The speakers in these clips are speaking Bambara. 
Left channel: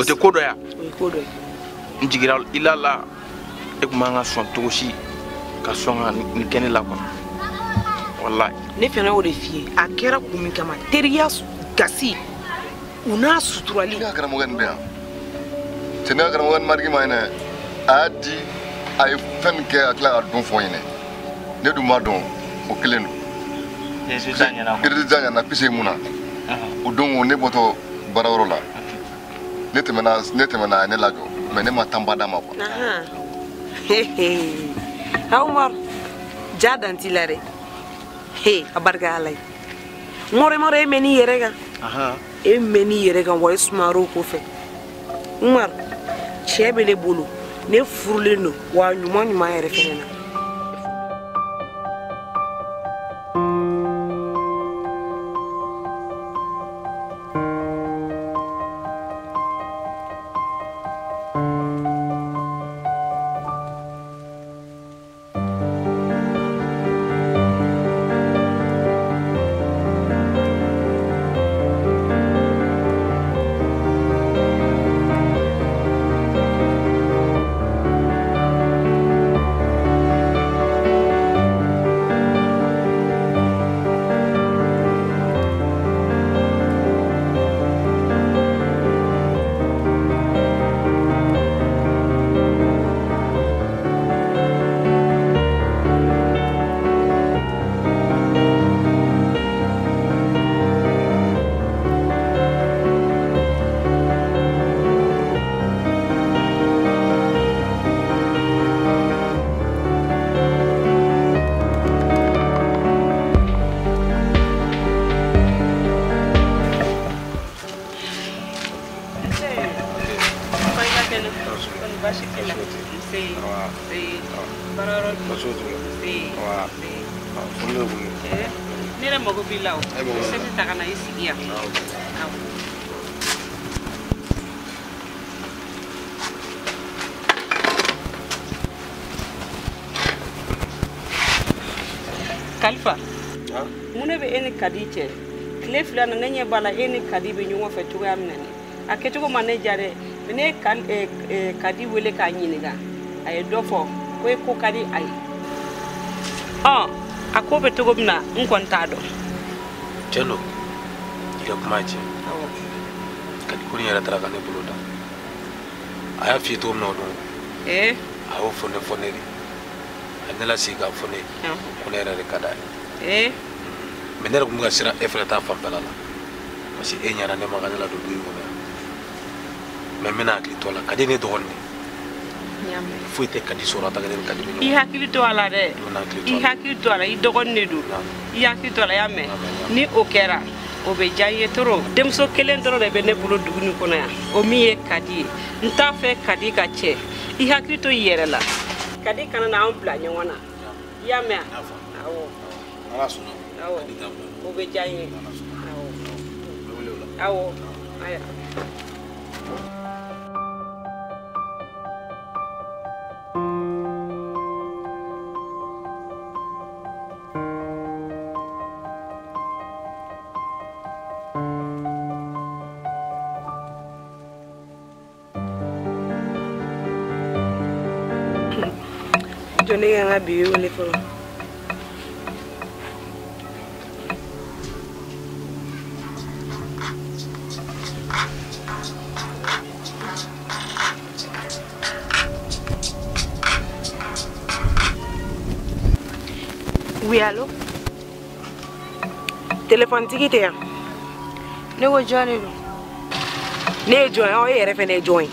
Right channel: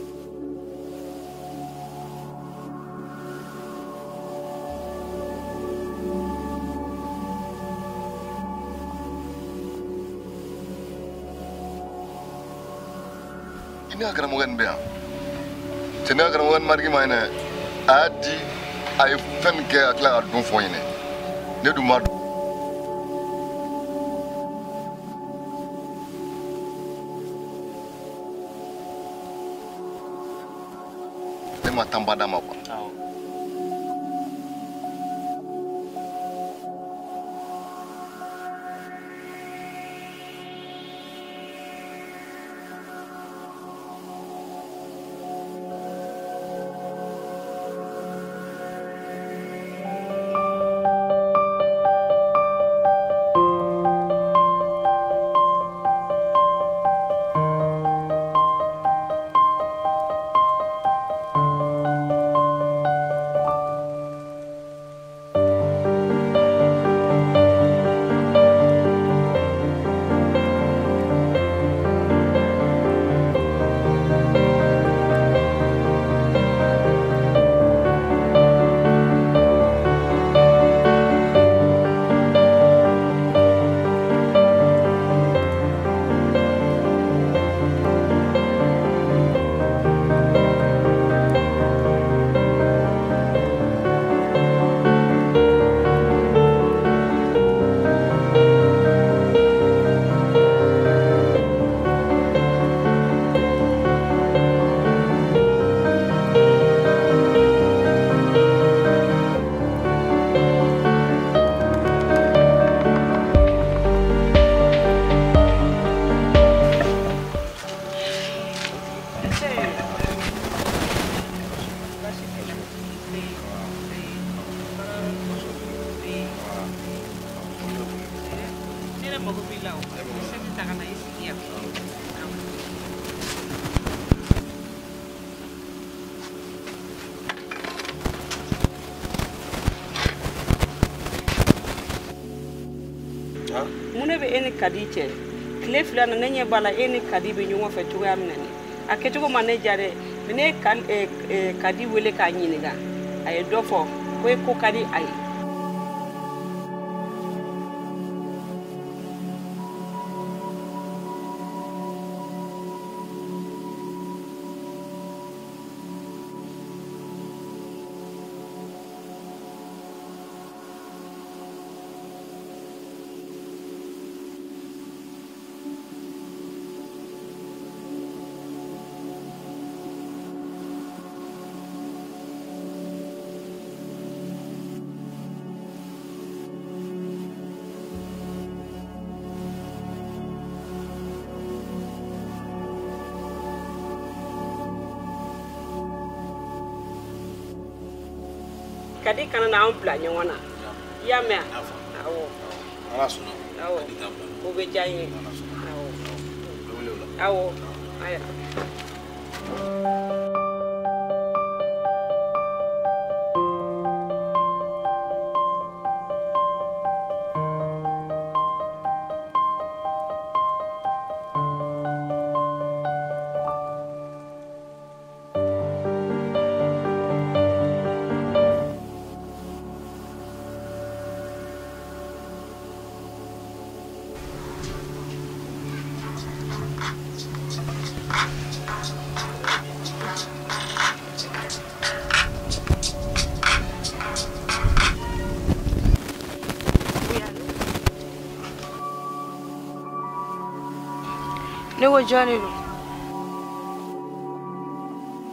o te ko dɔ ya ko dɔ n jigira i la la e kun man ka sɔn cogo si ka sɔn ka nin kɛ ne la quoi wallahi ne fɛnɛ y'o de f'i ye a kɛra kun min kama teriya gasi u n'a suturali ne ka karamɔgɔ nin bɛ yan cɛ ne ka karamɔgɔ nin mariki ma ɲinɛ a y'a di a ye fɛn min kɛ a tila ka don fɔ n ɲinɛ ne dun m'a dɔn o kelen don résultat ɲɛna pise mun na o don ne bɔtɔ baarayɔrɔ la ne tɛmɛna a ye ne lajɔ mais ne ma temps ba d'a ma quoi Umar ja dan t'i la dɛ a barika Ala ye mɔrɛ e mɛn'i yɛrɛ kan e mɛn'i yɛrɛ kan wa e sumayar'o ko fɛ Umar cɛ bɛ ne bolo ne furulen don wa ɲuman yɛrɛ fɛnɛ na Kalifa mun ne bɛ e ni Kadi cɛ tile fila na ne ɲɛ b'a la e ni Kadi bɛ ɲɔgɔn fɛ cogoya min na a kɛcogo ma ne diya dɛ ne Kadi wele k'a ɲininka a ye dɔ fɔ ko e ko ka di a ye a ko bɛ cogo min na n kɔni t'a dɔn cɛ lo i ka kuma cɛ Kadi ko nin yɛrɛ taara ka ne bolo da a y'a f'i ye cogo min na o don a y'o fɔ ne de a ne lasigi k'a fɔ ne ko ne yɛrɛ de ka d'a ye mais ne yɛrɛ kun bɛ ka siran e fɛnɛ ta fanfɛla la parce que e ɲɛna ne ma ka ne ladon du in kɔnɔ mais n bɛna hakili to a la Kadi ne dɔgɔnin de foyi tɛ Kadi sɔrɔ a ta kelen Kadi bɛ ɲɔgɔn i hakili to a la dɛ i hakili to a la i dɔgɔnin de don i hakili to a la y'a mɛn ni o kɛra o bɛ diya i ye trop denmuso kelen dɔrɔn de bɛ ne bolo dugu nin kɔnɔ yan o min ye Kadi ye n t'a fɛ Kadi ka cɛ i hakili to i yɛrɛ la Kadi kana n'anw bila ɲɔgɔn na i y'a mɛn awɔ Ala sɔnna o bɛ diya n ye awɔ aya jɔn ne kan ka bi wele fɔlɔ Oui, allô? Téléphone tigi tɛ yan. Ne ko jɔn de don? Ne ye jɔn ye, e yɛrɛ fɛnɛ ye jɔn ye.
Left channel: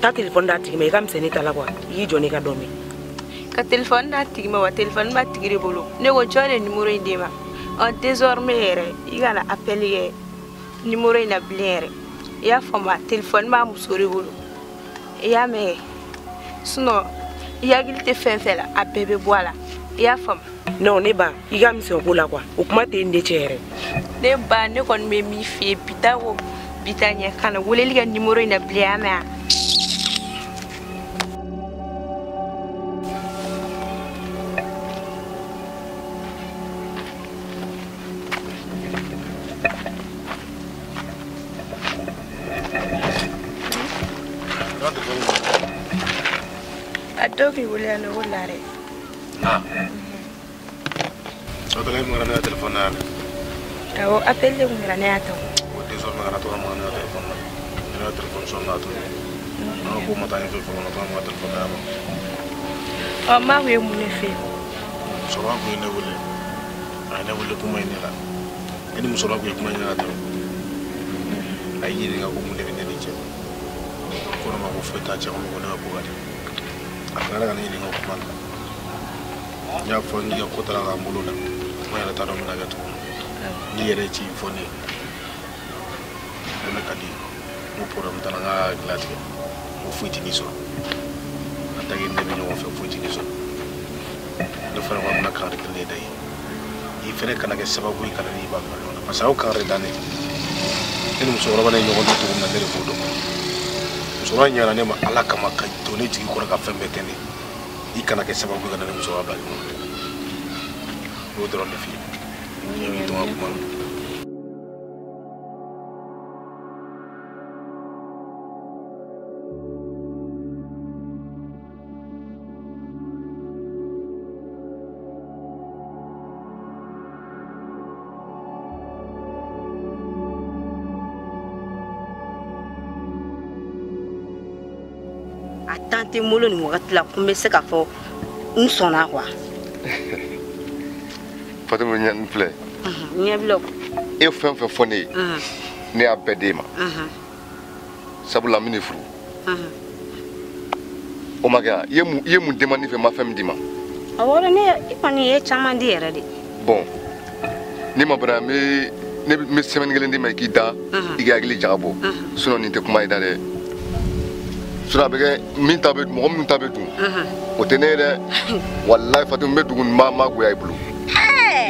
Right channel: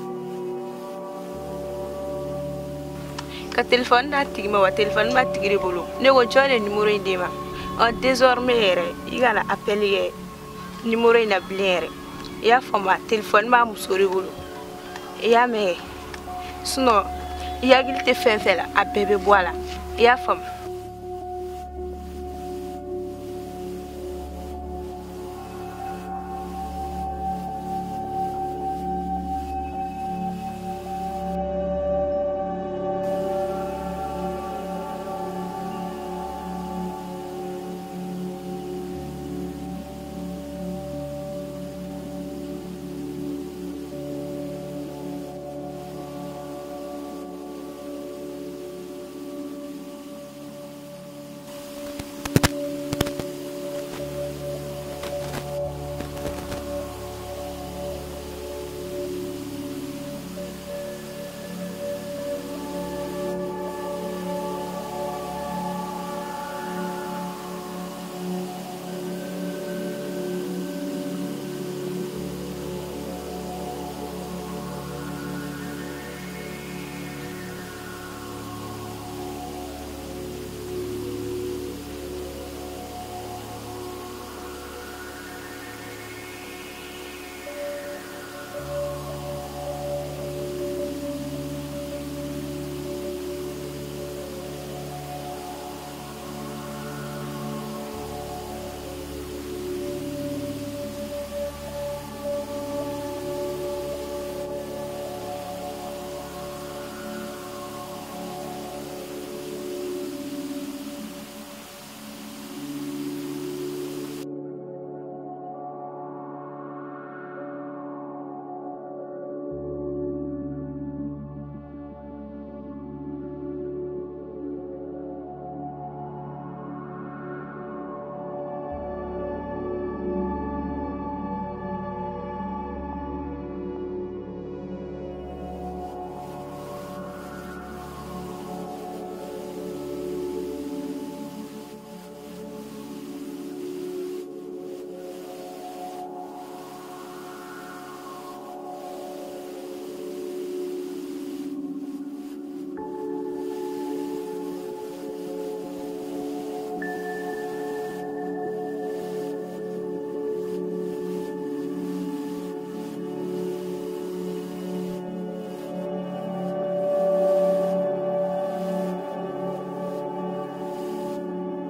Taa téléphone d'a tigi ma, i ka misɛnnin ta la quoi. I k'i jɔ n'i ka dɔn min. Ka téléphone d'a tigi ma wa téléphone b'a tigi de bolo. Ne ko jɔn de numéro in d'e ma. Désormais yɛrɛ, i kana appel kɛ numéro in na bilen yɛrɛ. I y'a faamu téléphone b'a muso de bolo. I y'a mɛn sinon i hakili tɛ fɛn fɛn la, a bɛɛ bɛ bɔ a la. I y'a faamu? Non, ne ba, i ka misɛn ko la quoi. O kuma tɛ n de cɛ yɛrɛ. Ne ba, ne kɔni bɛ min f'i ye bi ta ko bi ta ɲɛ kana weleli kɛ numéro in na bilen y'a mɛn Adobe boleh anu bolare. Atau lagi mengenai telepon nak. Aku apel dia mengenai atau. Dia soal mengenai tu orang mengenai telepon. Mengenai telepon soal tu. Aku mau tanya telepon orang mau telepon apa? Oh, mau yang mana film? Soal aku ini boleh. Ada boleh kuma ini lah. Ini musola aku kuma ini lah tu. Ayi ni aku mungkin dia je. Aku nak aku feta je aku nak aku ada. Aku nak ni aku kuma. Ya phone dia aku terang mulu dah. Mana ada taruh mana tu. Dia ada cip phone ni. Mana kali. Aku pura minta nak kelas tu. Aku fuji ni so. Nanti kita ni aku fuji ni so. Lepas aku nak kerja ni dah. Ini kerana kita sebab bui kerana ni bang. Pasal aku kerja dah ni. Ini musuh orang ni yang orang tu nak dari bodoh. Musuh orang yang ni malah kamakan tu ni jadi kurang kafir betul ni. Ini kerana kita sebab bui kerana musuh orang ni. Bodoh orang ni. Yang itu aku mahu. Tante mulu ni waktu la kumbe se kafo nsona kwa. Fatima nyan fle. Nya bilo. E fem fe foni. Ne abedema. Sabula mini fru. O maga yemu demandi fe ma fem dima. Awora ne ipani e chama ndi era de. Bon. Ni ma bra me semaine gelende ma kida igagli jabo. Suno ni te kuma ida de. Sura bege min tabe mo min tabe du o tenere wallahi fatum be dugun mama go ay bulu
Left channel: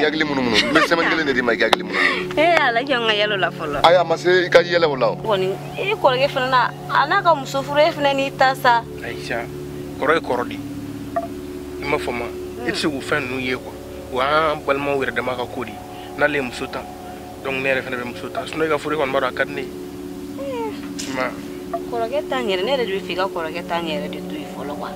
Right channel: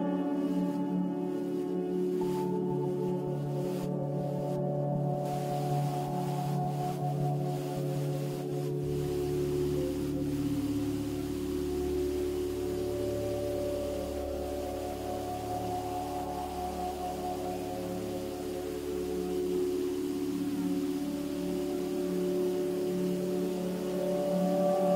yagli munu me sema ngele ne di ma yagli munu ala jonga yelo la folo aya mase ka yele wala woni e ko ge fana ana ka musufure fana ni tasa Aisha korodi ma foma itse go fan nu ye ko wa balma wer de ma ka kodi na le musuta donc nere fana musuta suno ga furi kon maro akadni ma korogeta ngere ne de fika korogeta ngere de to ifolo kwa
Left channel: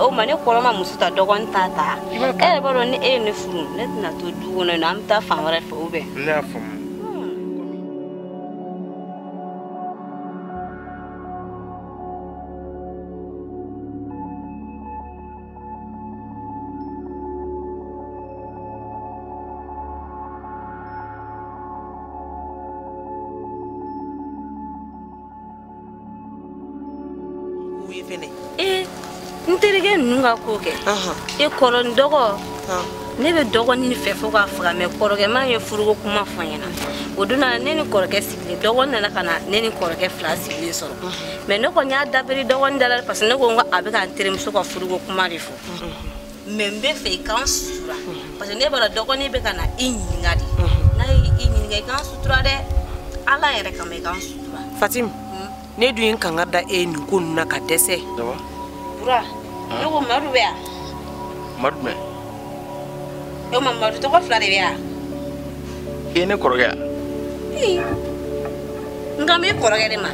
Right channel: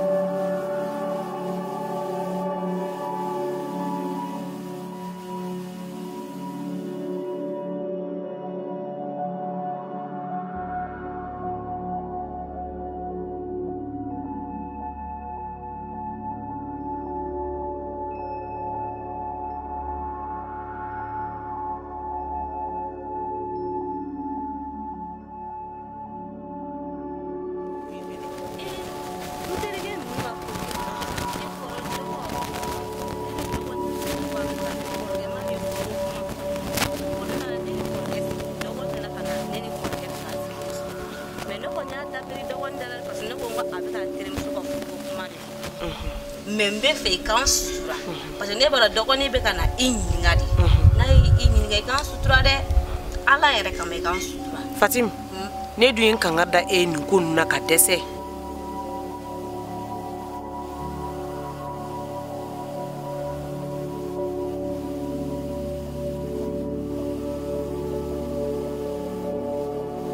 o mane koroma musuta dogon tata e baro ni e ne furu ne na to dugo na amta famare fo be na fo nterige nunga koke e koron dogo ne be dogo ni fe fo ka faga me koroge ma ye furugo kuma fanyana oduna ne ni koroge sikli dogo na kana ne ni koroge flasi bi so me ne ko nya dabiri dogo ndala parce ne ko abe ka nterim so ko furugo kuma rifo membe fe kan sutura parce ne bara dogo ni be kana inyingadi na inyinga kan sutura de ala yere ka me kan sutura Fatim ne du yin kan da e ni kun na ka dese bura yo maru be marme yo maru to ko flare be ene koroga ngame koroga de ma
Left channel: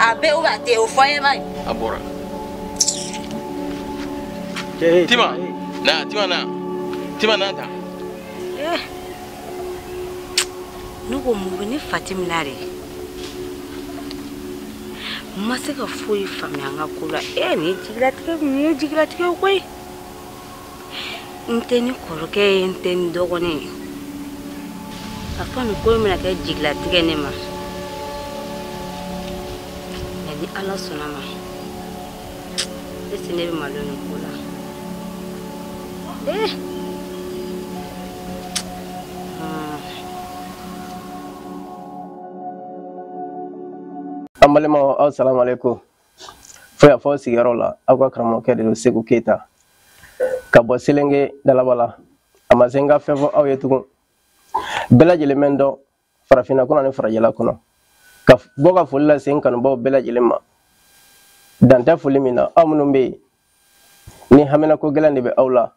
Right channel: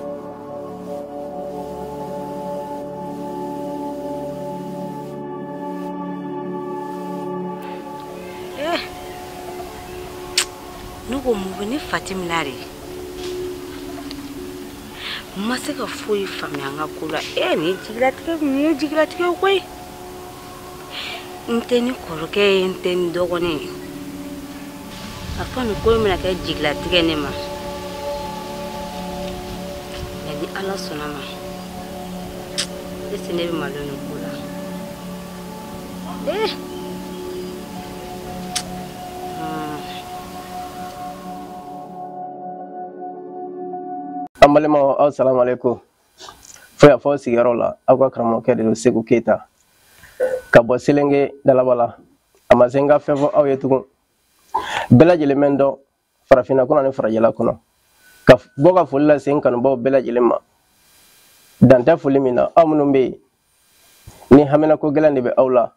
abe o ba te o foye ba abora tima na da nugo mu ni Fatim lare masika foi famyanga kula ni jiglatike koi nteni koroke nteni dogone afanu ko mina ka jiglatike ne ma ni ala sonama ese ne be maloni kula Amalema assalamu alaikum. Foya fo sigaro la akwa kramo ke de Segu Keita. Ka bo silenge dalabala. Amazenga fefo aw yetugo. Bela jelemendo farafina kuna ne farajela kuna. Ka boga fulla sen kan bo bela jelema. Danta fulimina amunumbe. Ni hamina ko gelande be awla.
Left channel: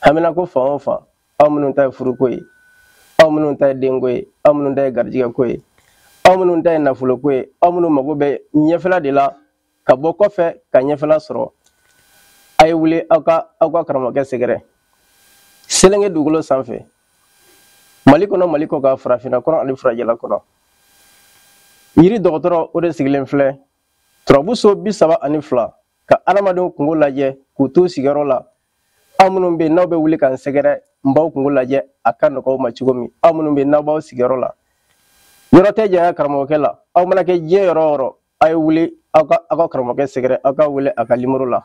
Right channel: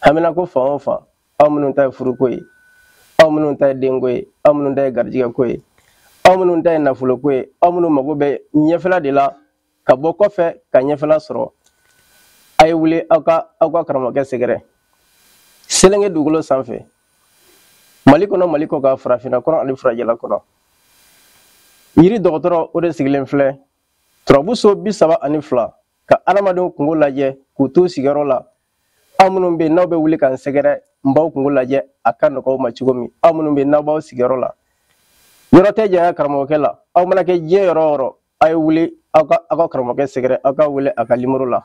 Hamina ko fa fa amunun tay furukoy. Amunun tay dengoy, amunun tay garjiga koy. Amunu nda na fulo kwe amunu mago be nyefela de la ka bɔ kɔfɛ ka ɲɛfɛla sɔrɔ a ye wuli aw ka karamɔgɔkɛ sɛgɛrɛ selenge dugukolo sanfɛ Mali kɔnɔ Mali kɔ ka farafinna kɔnɔ ani farajɛla kɔnɔ yiri dɔgɔtɔrɔ o de sigilen filɛ turabuso 32 ka adamadenw kungo lajɛ k'u t'u sigiyɔrɔ la aw minnu bɛ n'aw bɛ wuli k'an sɛgɛrɛ n b'aw kungo lajɛ a ka nɔgɔ ma cogo min aw minnu bɛ n'aw b'aw sigiyɔrɔ la yɔrɔ tɛ janya karamɔgɔkɛ la aw mana kɛ diɲɛ yɔrɔ o yɔrɔ a ye wuli aw ka karamɔgɔkɛ sɛgɛrɛ aw ka wele a ka numéro la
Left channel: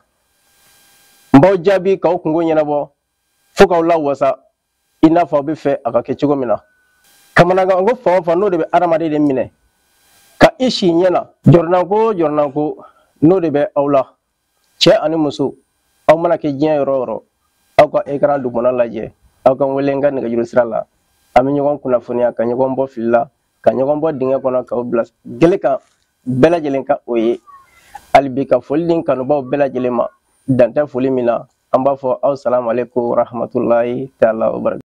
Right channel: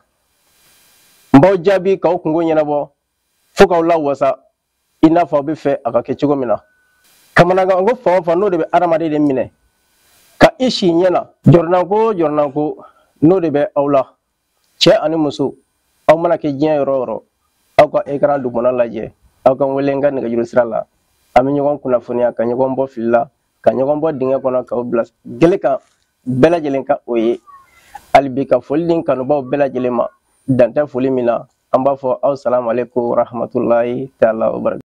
n b'aw jaabi k'aw kungo ɲɛnabɔ fo k'aw lawasa i n'a fɔ aw bɛ fɛ a ka kɛ cogo min na kamanagan ko fan o fan n'o de bɛ adamaden de minɛ ka i si ɲɛ na jɔrɔnanko n'o de bɛ aw la cɛ ani muso aw mana kɛ diɲɛ yɔrɔ o yɔrɔ aw ka écran dugumana lajɛ aw ka wele n ka nɛgɛjuru sira la an bɛ ɲɔgɔn kunnafoniya ka ɲɔgɔn bɔ fili la ka ɲɔgɔn bɔ dingɛ kɔnɔ k'aw bila gele kan bɛɛ lajɛlen ka o ye hali bi ka foli di kanubaw bɛɛ lajɛlen ma dan tɛ foli min na an b'a fɔ aw salamu aleykum rahmatulahi taala wa barakatuh